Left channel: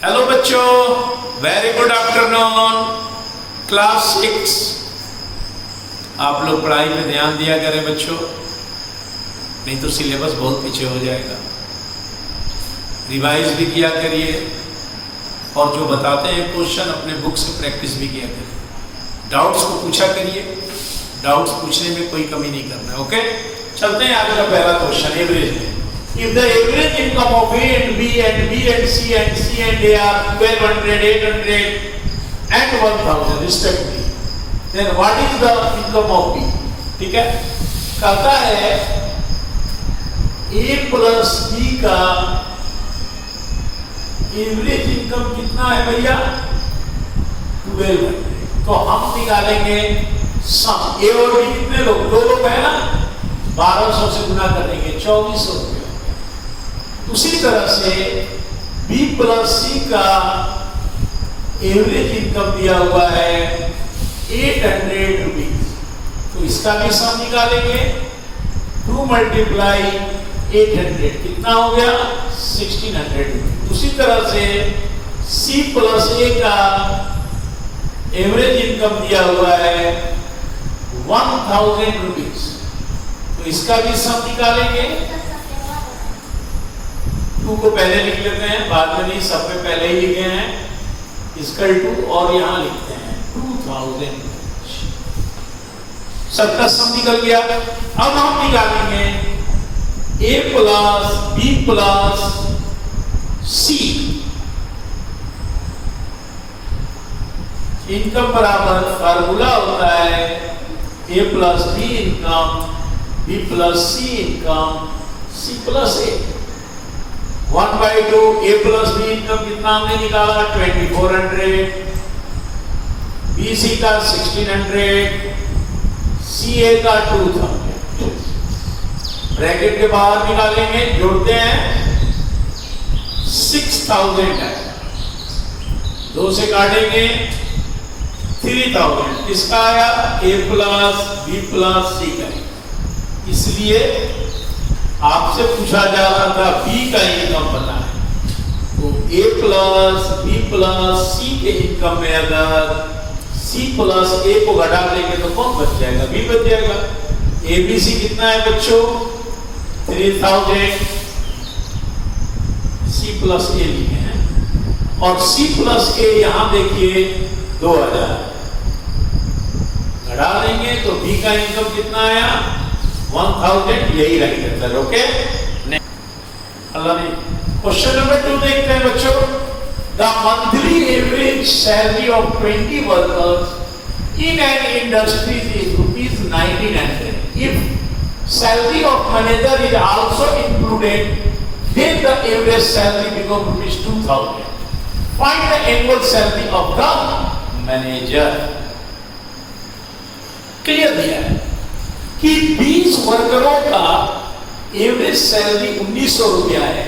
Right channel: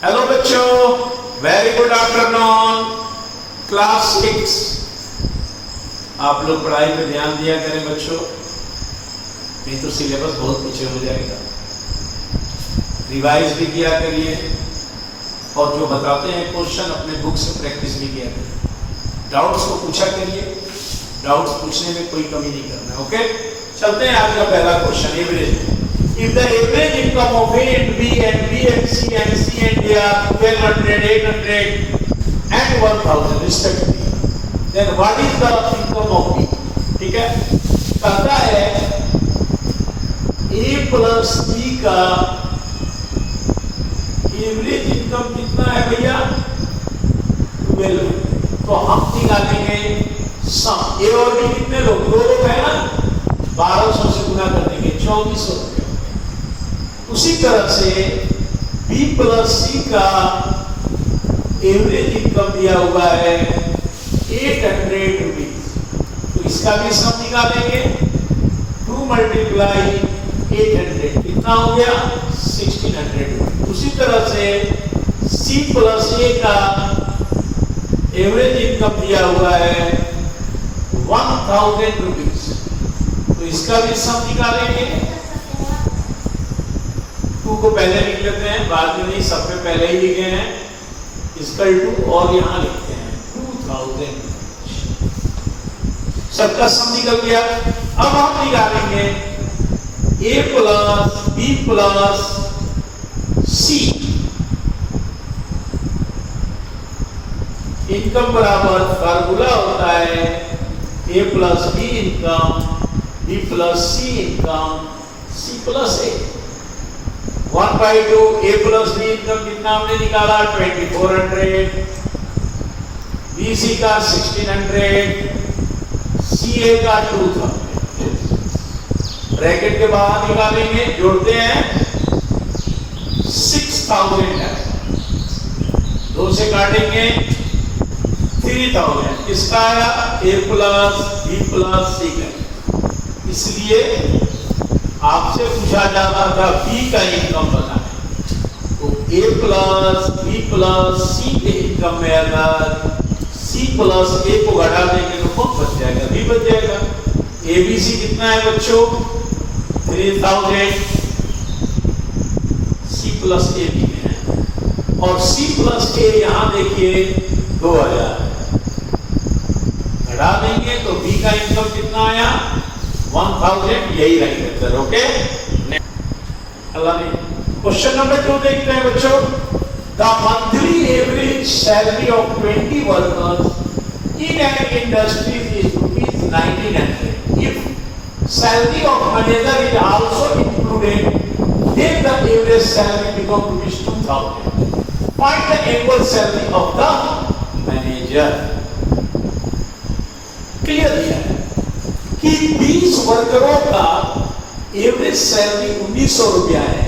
Hello बच्चों, very good afternoon. Class 6 आप लोग पढ़ाई पे ध्यान दिया करें बच्चों, नहीं तो सिलेबस बहुत पीछे हो जाएगा। रिवाइज भी किया करिए और जो बताते हैं क्वेश्चन अपने बुक से प्रैक्टिस भी किया करिए। डाउट्स को पूछा करिए, डाउट्स पूछने में कोई कमी नहीं करना। ओके, चलते हैं आगे का पहला question. Average, if the average income of A and B and B and C and C and D are 1200, 800 and 1000 respectively, then what is the income of B? ठीक है, कहता है A plus B का average income कितना है भैया? 1200। तो हम निकालेंगे सम। A और B कितने लोग? 2 लोग है ना, 1200 से गुना कर देंगे 2400 रुपये। उसी तरह से B प्लस C का एवरेज इनकम दिया हुआ है 800 रुपीज। तो इसका भी सम निकालेंगे। 2 मल्टीप्लाई 800 कितना हो गया? 1600। उसी तरह से C प्लस A का एवरेज इनकम दिया हुआ है 1000 रुपीज। तो इसका भी सम निकालेंगे। 2 को पहले लिख लेते हैं, बाद में नहीं, सब में पहले ही लिखे हैं इसकल टू, और यहाँ लिखते हैं 2000। सबका सम निकल गया। अब हम निकालेंगे A plus B plus C। Income बराबर फार्मूला होता है A plus B income, B plus C income, C plus A। 1/2 A plus B income कितना हमने निकाला? 2400। BC का 1600, CA का 2000। ब्रैकेट के बाहर निकालेंगे, जोड़ते हैं 6000 है। 2 से काटेंगे 3000। किसका आया? A plus B plus C का। इसलिए आपसे पूछा जा रहा था B का इनकम पता है, तो A plus B plus C के इनकम में अगर C प्लस A को घटा देंगे तो कौन बच जाएगा? B बच जाएगा। ABC कितना है बच्चों? 3000। C प्लस A लिखे हैं, और C प्लस A यहाँ देखिए 2000 घटा देंगे तो B का इनकम कितना आया? 1000। यही राइट आंसर। ओके, अल्लाह ने। क्वेश्चन नंबर 2 देखते हैं बच्चों। The monthly average salary of 20 workers in an industry is ₹1900। If salary of manager is also included, then the average salary become ₹2000। Find the annual salary of the manager. Clear दिया है कि 20 वर्करों का average salary 1900 रुपया है,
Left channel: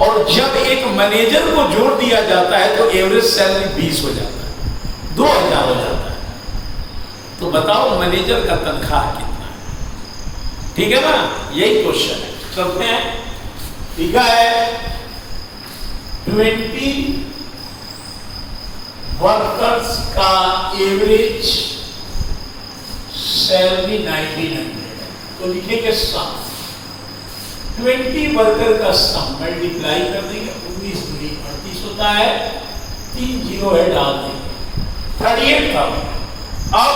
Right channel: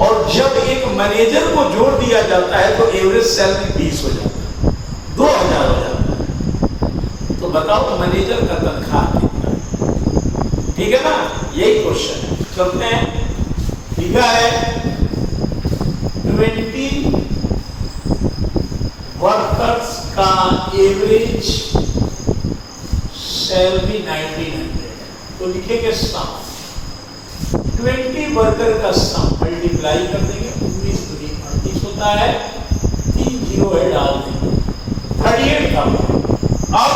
और जब एक मैनेजर को जोड़ दिया जाता है तो एवरेज सैलरी 20 हो जाता है, 2000 हो जाता है। तो बताओ मैनेजर का तनख्वाह कितना है? ठीक है ना, यही क्वेश्चन है। चलते हैं। ठीक है, 20 वर्कर्स का एवरेज सैलरी 1900 है, तो लिखेंगे सम। 20 वर्कर का सम मल्टीप्लाई कर देंगे, 19 × 38 होता है, 3 जीरो है डाल देंगे, 38,000। अब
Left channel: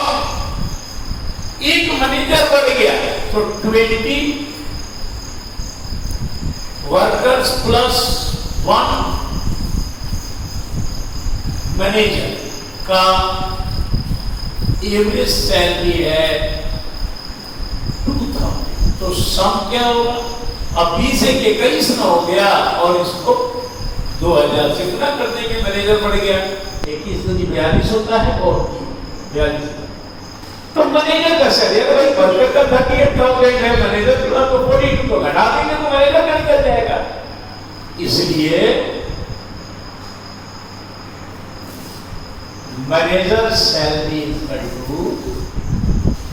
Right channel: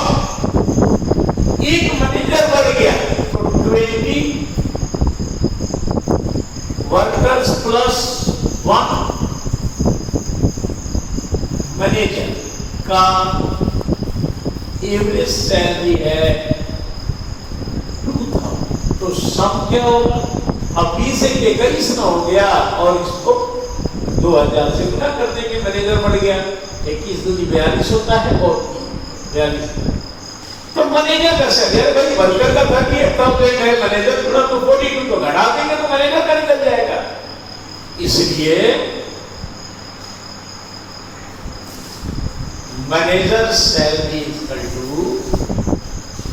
एक मैनेजर बढ़ गया तो 20 वर्कर्स प्लस 1 मैनेजर का एवरेज सैलरी है 2000। तो सम क्या होगा? अब 20 से 21 ना हो गया, और इसको 2000 से गुना कर देंगे, मैनेजर बढ़ गया। 21 दूनी 42 होता है, और 42। तो मैनेजर का सैलरी भाई वर्कर का 38,000 है, मैनेजर पूरा तो 42, तो घटा देंगे तो मैनेजर का निकल जाएगा। इसलिए manager salary is equal to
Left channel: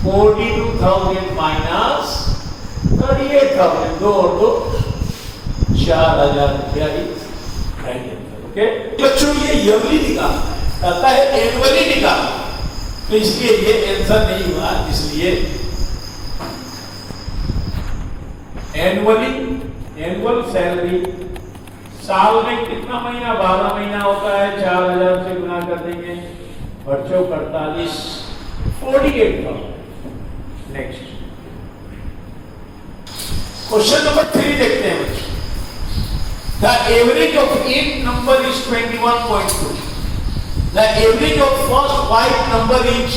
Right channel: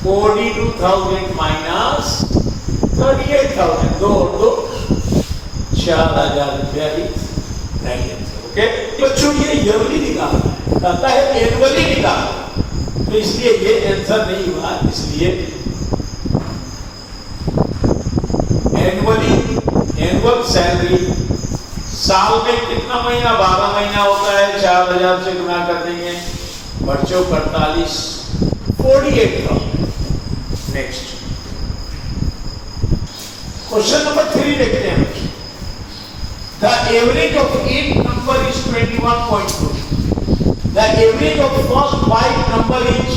42,000 minus 38,000, 2 और 2 4000 रुपया। ओके बच्चों, ये ईयरली निकालना है, कहता है एनुअली निकालना, तो इसलिए ये आंसर नहीं हुआ। इसलिए एनुअली, एनुअल सैलरी साल में कितना महीना, 12 महीना होता है, 4000 से गुना कर देंगे, बच्चों 48, 48,000। नेक्स्ट क्वेश्चन नंबर 3 देखते हैं बच्चों। The average of each number is 21.2. The average of first 5 number is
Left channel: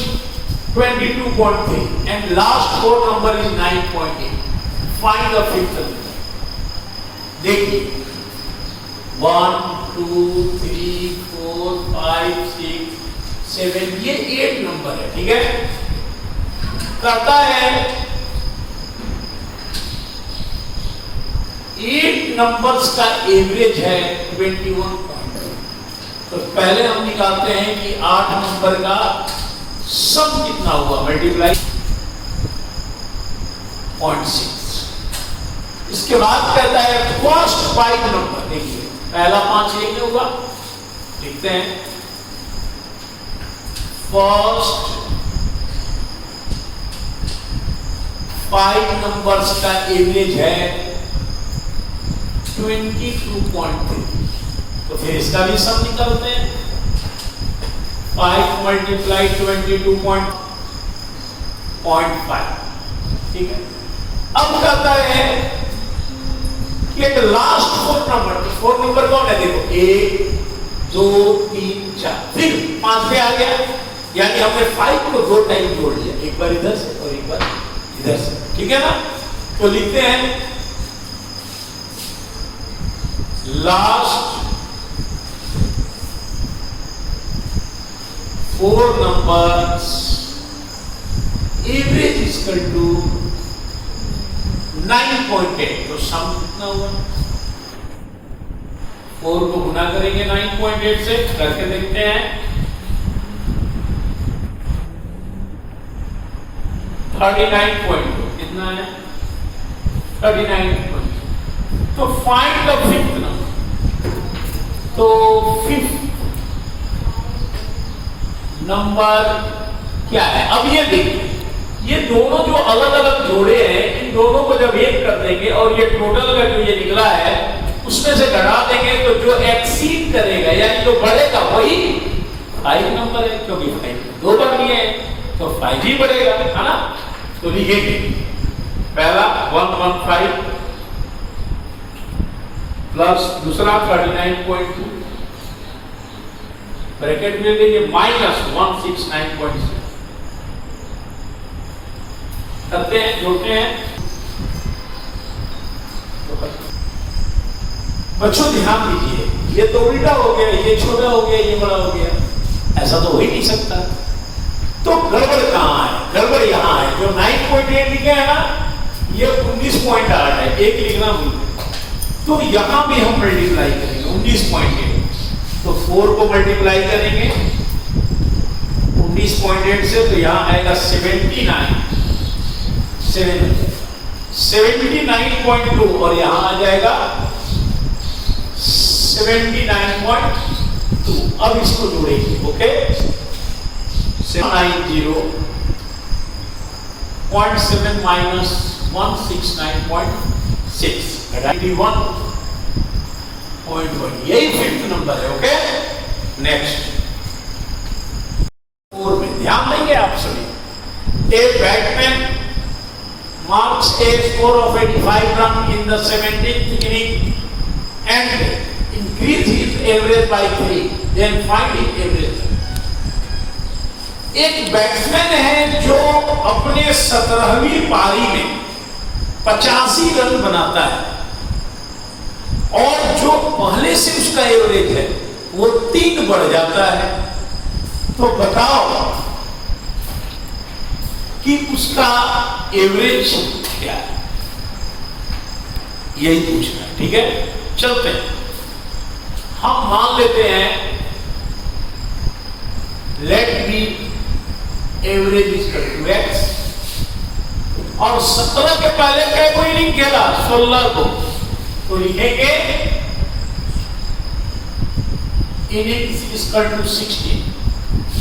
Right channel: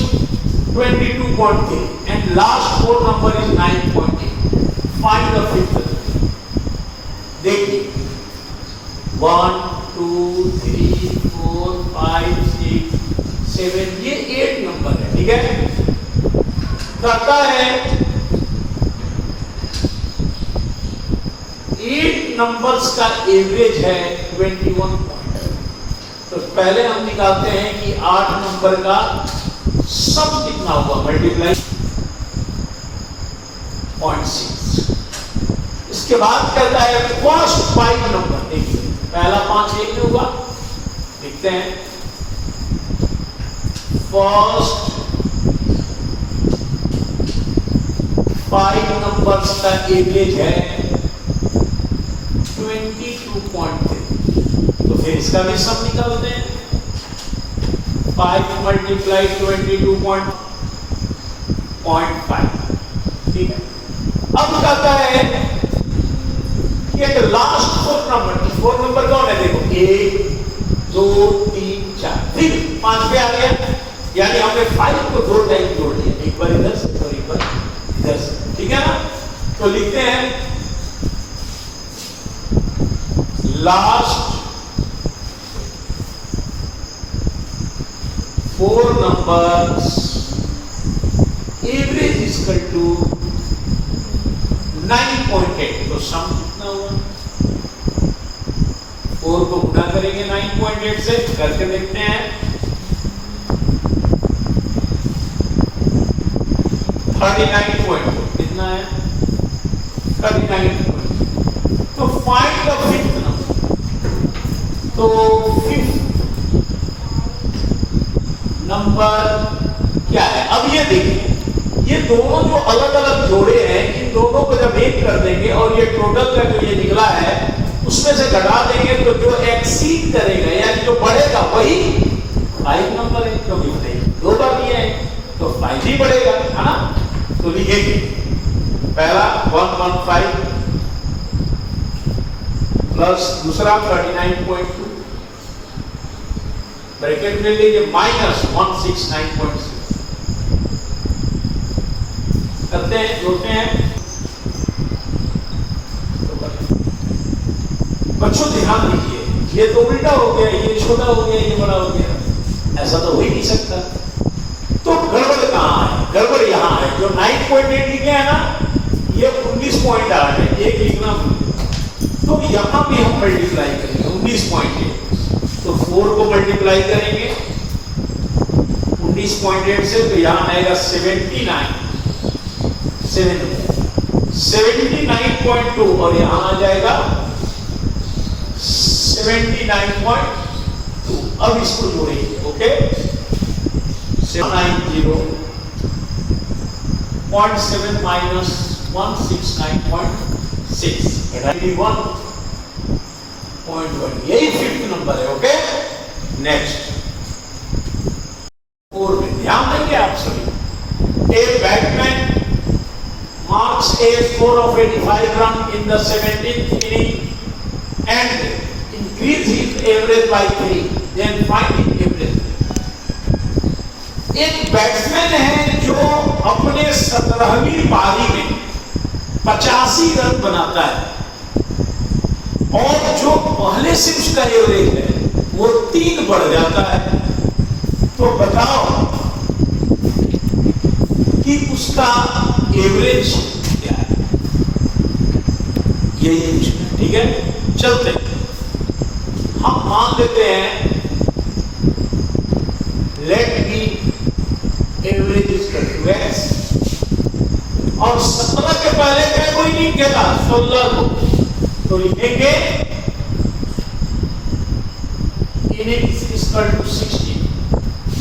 22.3 and last 4 number is 9.8. Find the fifth. देखिए 1, 2, 3, 4, 5, 6, 7 ये 8 नंबर है, ठीक है। कहता है 8 नंबर्स का एवरेज है 21 पॉइंट। तो पहले हम निकालते हैं कि 8 नंबर का सम कितना होगा, मल्टीप्लाई 0.6। इसके बाद कहता है फर्स्ट 5 नंबर, देखिए पहला 5 एक में होगा, लिखते हैं फर्स्ट 5 नंबर्स का एवरेज है 22.3। तो फिर इसका भी सम निकालते हैं, 5 मल्टीप्लाई 22.5, ठीक है। अब कहता है कि लास्ट 4 नंबर कौन है, देखो 1, 2, 3, 4, फिर 5 पे आ गया, यानी हमने 5 को 2 टाइम जोड़ दिया, एक बार इधर से और एक बार इधर से, ठीक है ना। तो लिखते हैं last 4 numbers average is equal to 9.8। तो सम कितना हुआ, 4 को गुना करेंगे 9.8 से, करके देखते हैं 39.2 कितना है, 39.2। तो फाइंड द फिफ्थ नंबर। तो फिफ्थ नंबर क्या है, अब ये देखिए, ये दोनों जो अलग अलग जोड़े हैं, इन दोनों को जब एक कर देंगे और ये टोटल का जो ये निकला है उसमें से घटा देंगे, तो जो एक्सीड करेगा या जो बढ़ेगा वही 5 नंबर है, क्योंकि 5 2 बार भी है तो 5 ही बढ़ेगा, है ना। तो लिखेंगे पहला 115 प्लस दूसरा 39.2 ब्रैकेट में लेंगे माइनस 169.6 करते हैं, जोड़ते हैं। बच्चों ध्यान दीजिए, ये तो उल्टा हो गया, ये छोटा हो गया, ये बड़ा हो गया, ऐसा तो हो ही नहीं सकता। तो गड़बड़ कहाँ है, गड़बड़ यहाँ है, जो 9.8 लिखे है ना, ये 19.8 है, एक लिखना भूल गए। तो यहां भी हम मल्टीप्लाई करेंगे 19.8, तो 4 को मल्टीप्लाई करेंगे 19.8 से, तो यहां आएगा 79.2 और यहां आ जाएगा 79.2। अब इसको जोड़ेंगे, ओके, 90.7 माइनस 169.6 91.1, यही फिफ्थ नंबर है, ओके। नेक्स्ट 4 में ध्यान देंगे आप सभी। A batsman marks a score of 85 runs in the 17th inning and increase his average by 3, then find his average। एक बैट्समैन है जो अपने 17वीं पारी में 85 रन बनाता है और जो पहले से उसका एवरेज है वो 3 बढ़ जाता है, तो बताओ कि उसका एवरेज क्या है, यही पूछना, ठीक है। चलते हैं, हम मान लेते हैं let be average is equal to x, और 17 के पहले क्या कोई नहीं खेला, 16 को, तो लिखेंगे innings is equal to 16.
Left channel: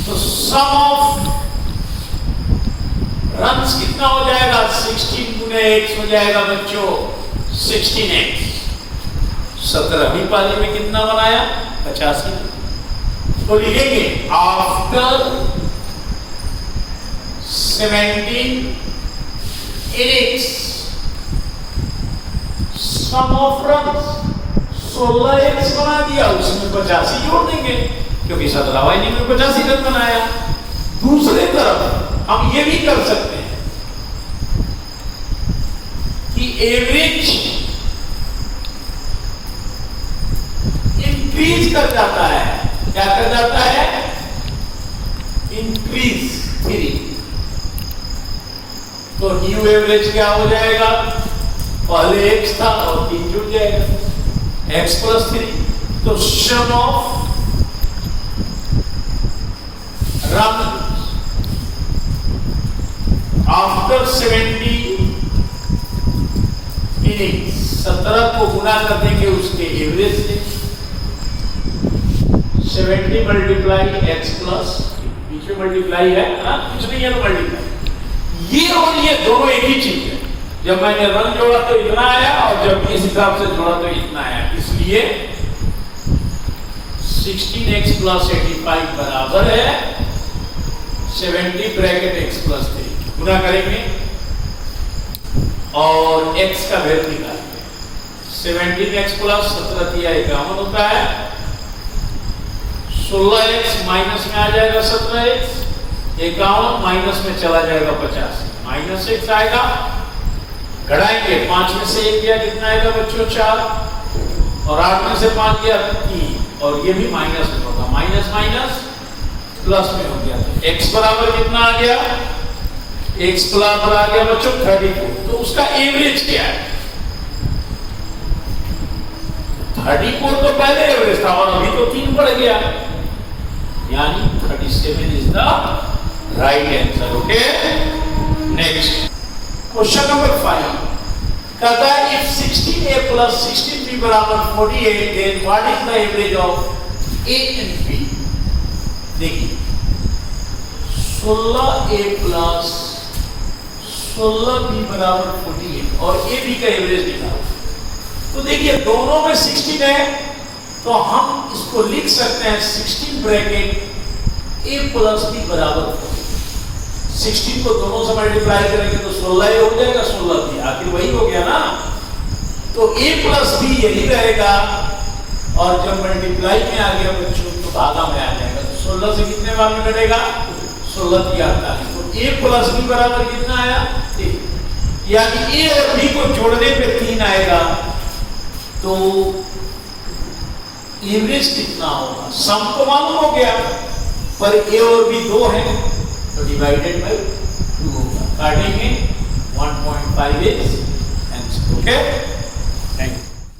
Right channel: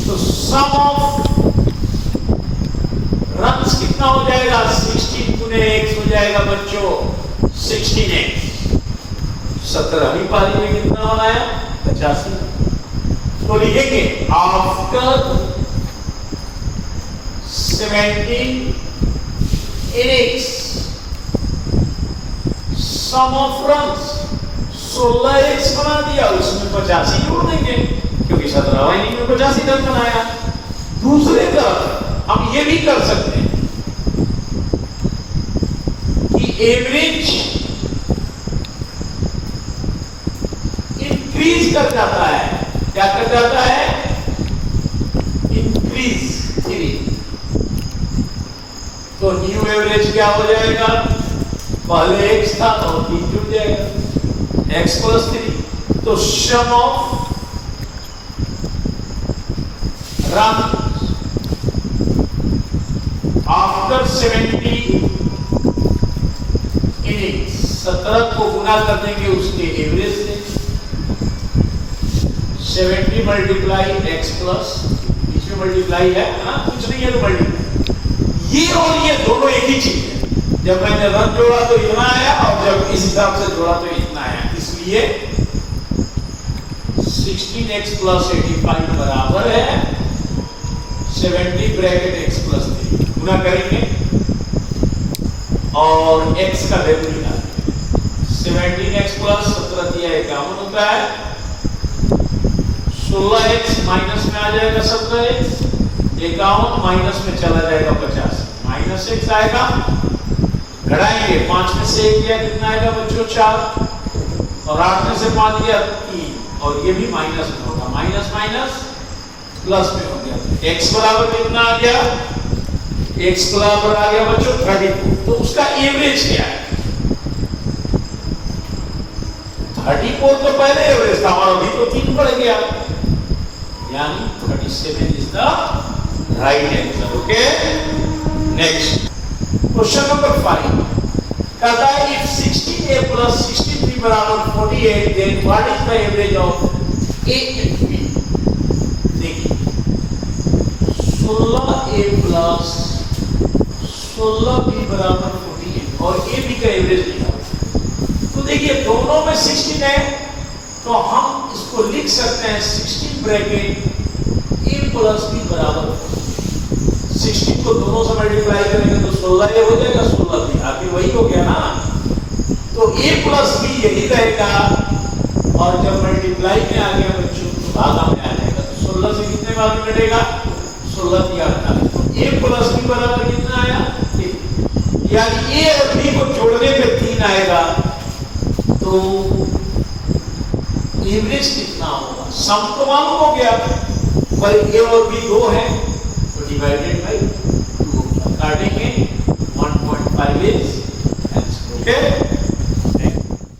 तो sum of runs कितना हो जाएगा? 16 गुने x हो जाएगा बच्चों 16x। 17वीं पारी में कितना बनाया? 85। तो लिखेंगे after 17 innings sum of runs 16x बना दिया, उसमें 85 जोड़ देंगे क्योंकि 17वां इनिंग में 85 रन बनाया। दूसरे तरफ हम ये भी कर सकते हैं कि एवरेज इंक्रीज कर जाता है। क्या कर जाता है? इंक्रीज 3। तो न्यू एवरेज क्या हो जाएगा? पहले x था और 3 जुड़ जाएगा x प्लस 3। तो सम ऑफ रन आफ्टर 70 इनिंग्स 17 को गुना कर देंगे उसके एवरेज से। 70 मल्टीप्लाई x प्लस, बीच में मल्टीप्लाई है ना, कुछ नहीं है तो मल्टीप्लाई। ये और ये दोनों एक ही चीज है। जब मैंने रन जोड़ा तो इतना आया और जब इस हिसाब से जोड़ा तो इतना आया। इसलिए 16x प्लस 85 बराबर है 70 ब्रैकेट x प्लस 3। गुना करेंगे और x का वैल्यू निकालेंगे। 17x प्लस 17 दिया 51 होता है। 16x माइनस में आ जाएगा 17x, 51 माइनस में चला जाएगा 50, माइनस x आएगा। घटाएंगे, 5 में से 1 दिया कितना आएगा बच्चों? 4, और 8 में से 5 दिया 3, और ये भी माइनस में होगा। माइनस माइनस प्लस में हो गया। x बराबर कितना आ गया? x बराबर आ गया बच्चों 32। तो उसका एवरेज क्या है? 34 तो पहले एवरेज था और अभी तो 3 बढ़ गया, यानी 37 is the right answer. Okay, next question number 5 कहता है if 16a plus 63 बराबर 48 then what is the average of a and b? देखिए 16a plus 16b बराबर 48 और ab का एवरेज निकालो। तो देखिए दोनों में 16 है तो हम इसको लिख सकते हैं 16 ब्रैकेट a प्लस b बराबर 16 को दोनों से मल्टीप्लाई करेंगे तो 16 हो जाएगा, 16 भी आखिर वही हो गया ना। तो a प्लस b यही रहेगा और जब मल्टीप्लाई में आ गया बच्चों तो भागा में आ जाएगा। तो 16 से कितने भाग घटेगा? 16 की 48। तो a प्लस b बराबर कितना आया? 3, यानी a और b को जोड़ने पे 3 आएगा। तो एवरेज कितना होगा? सम तो मालूम हो गया पर a और b 2 है तो डिवाइडेड बाय 2 काटेंगे 1.5 इज आंसर। ओके।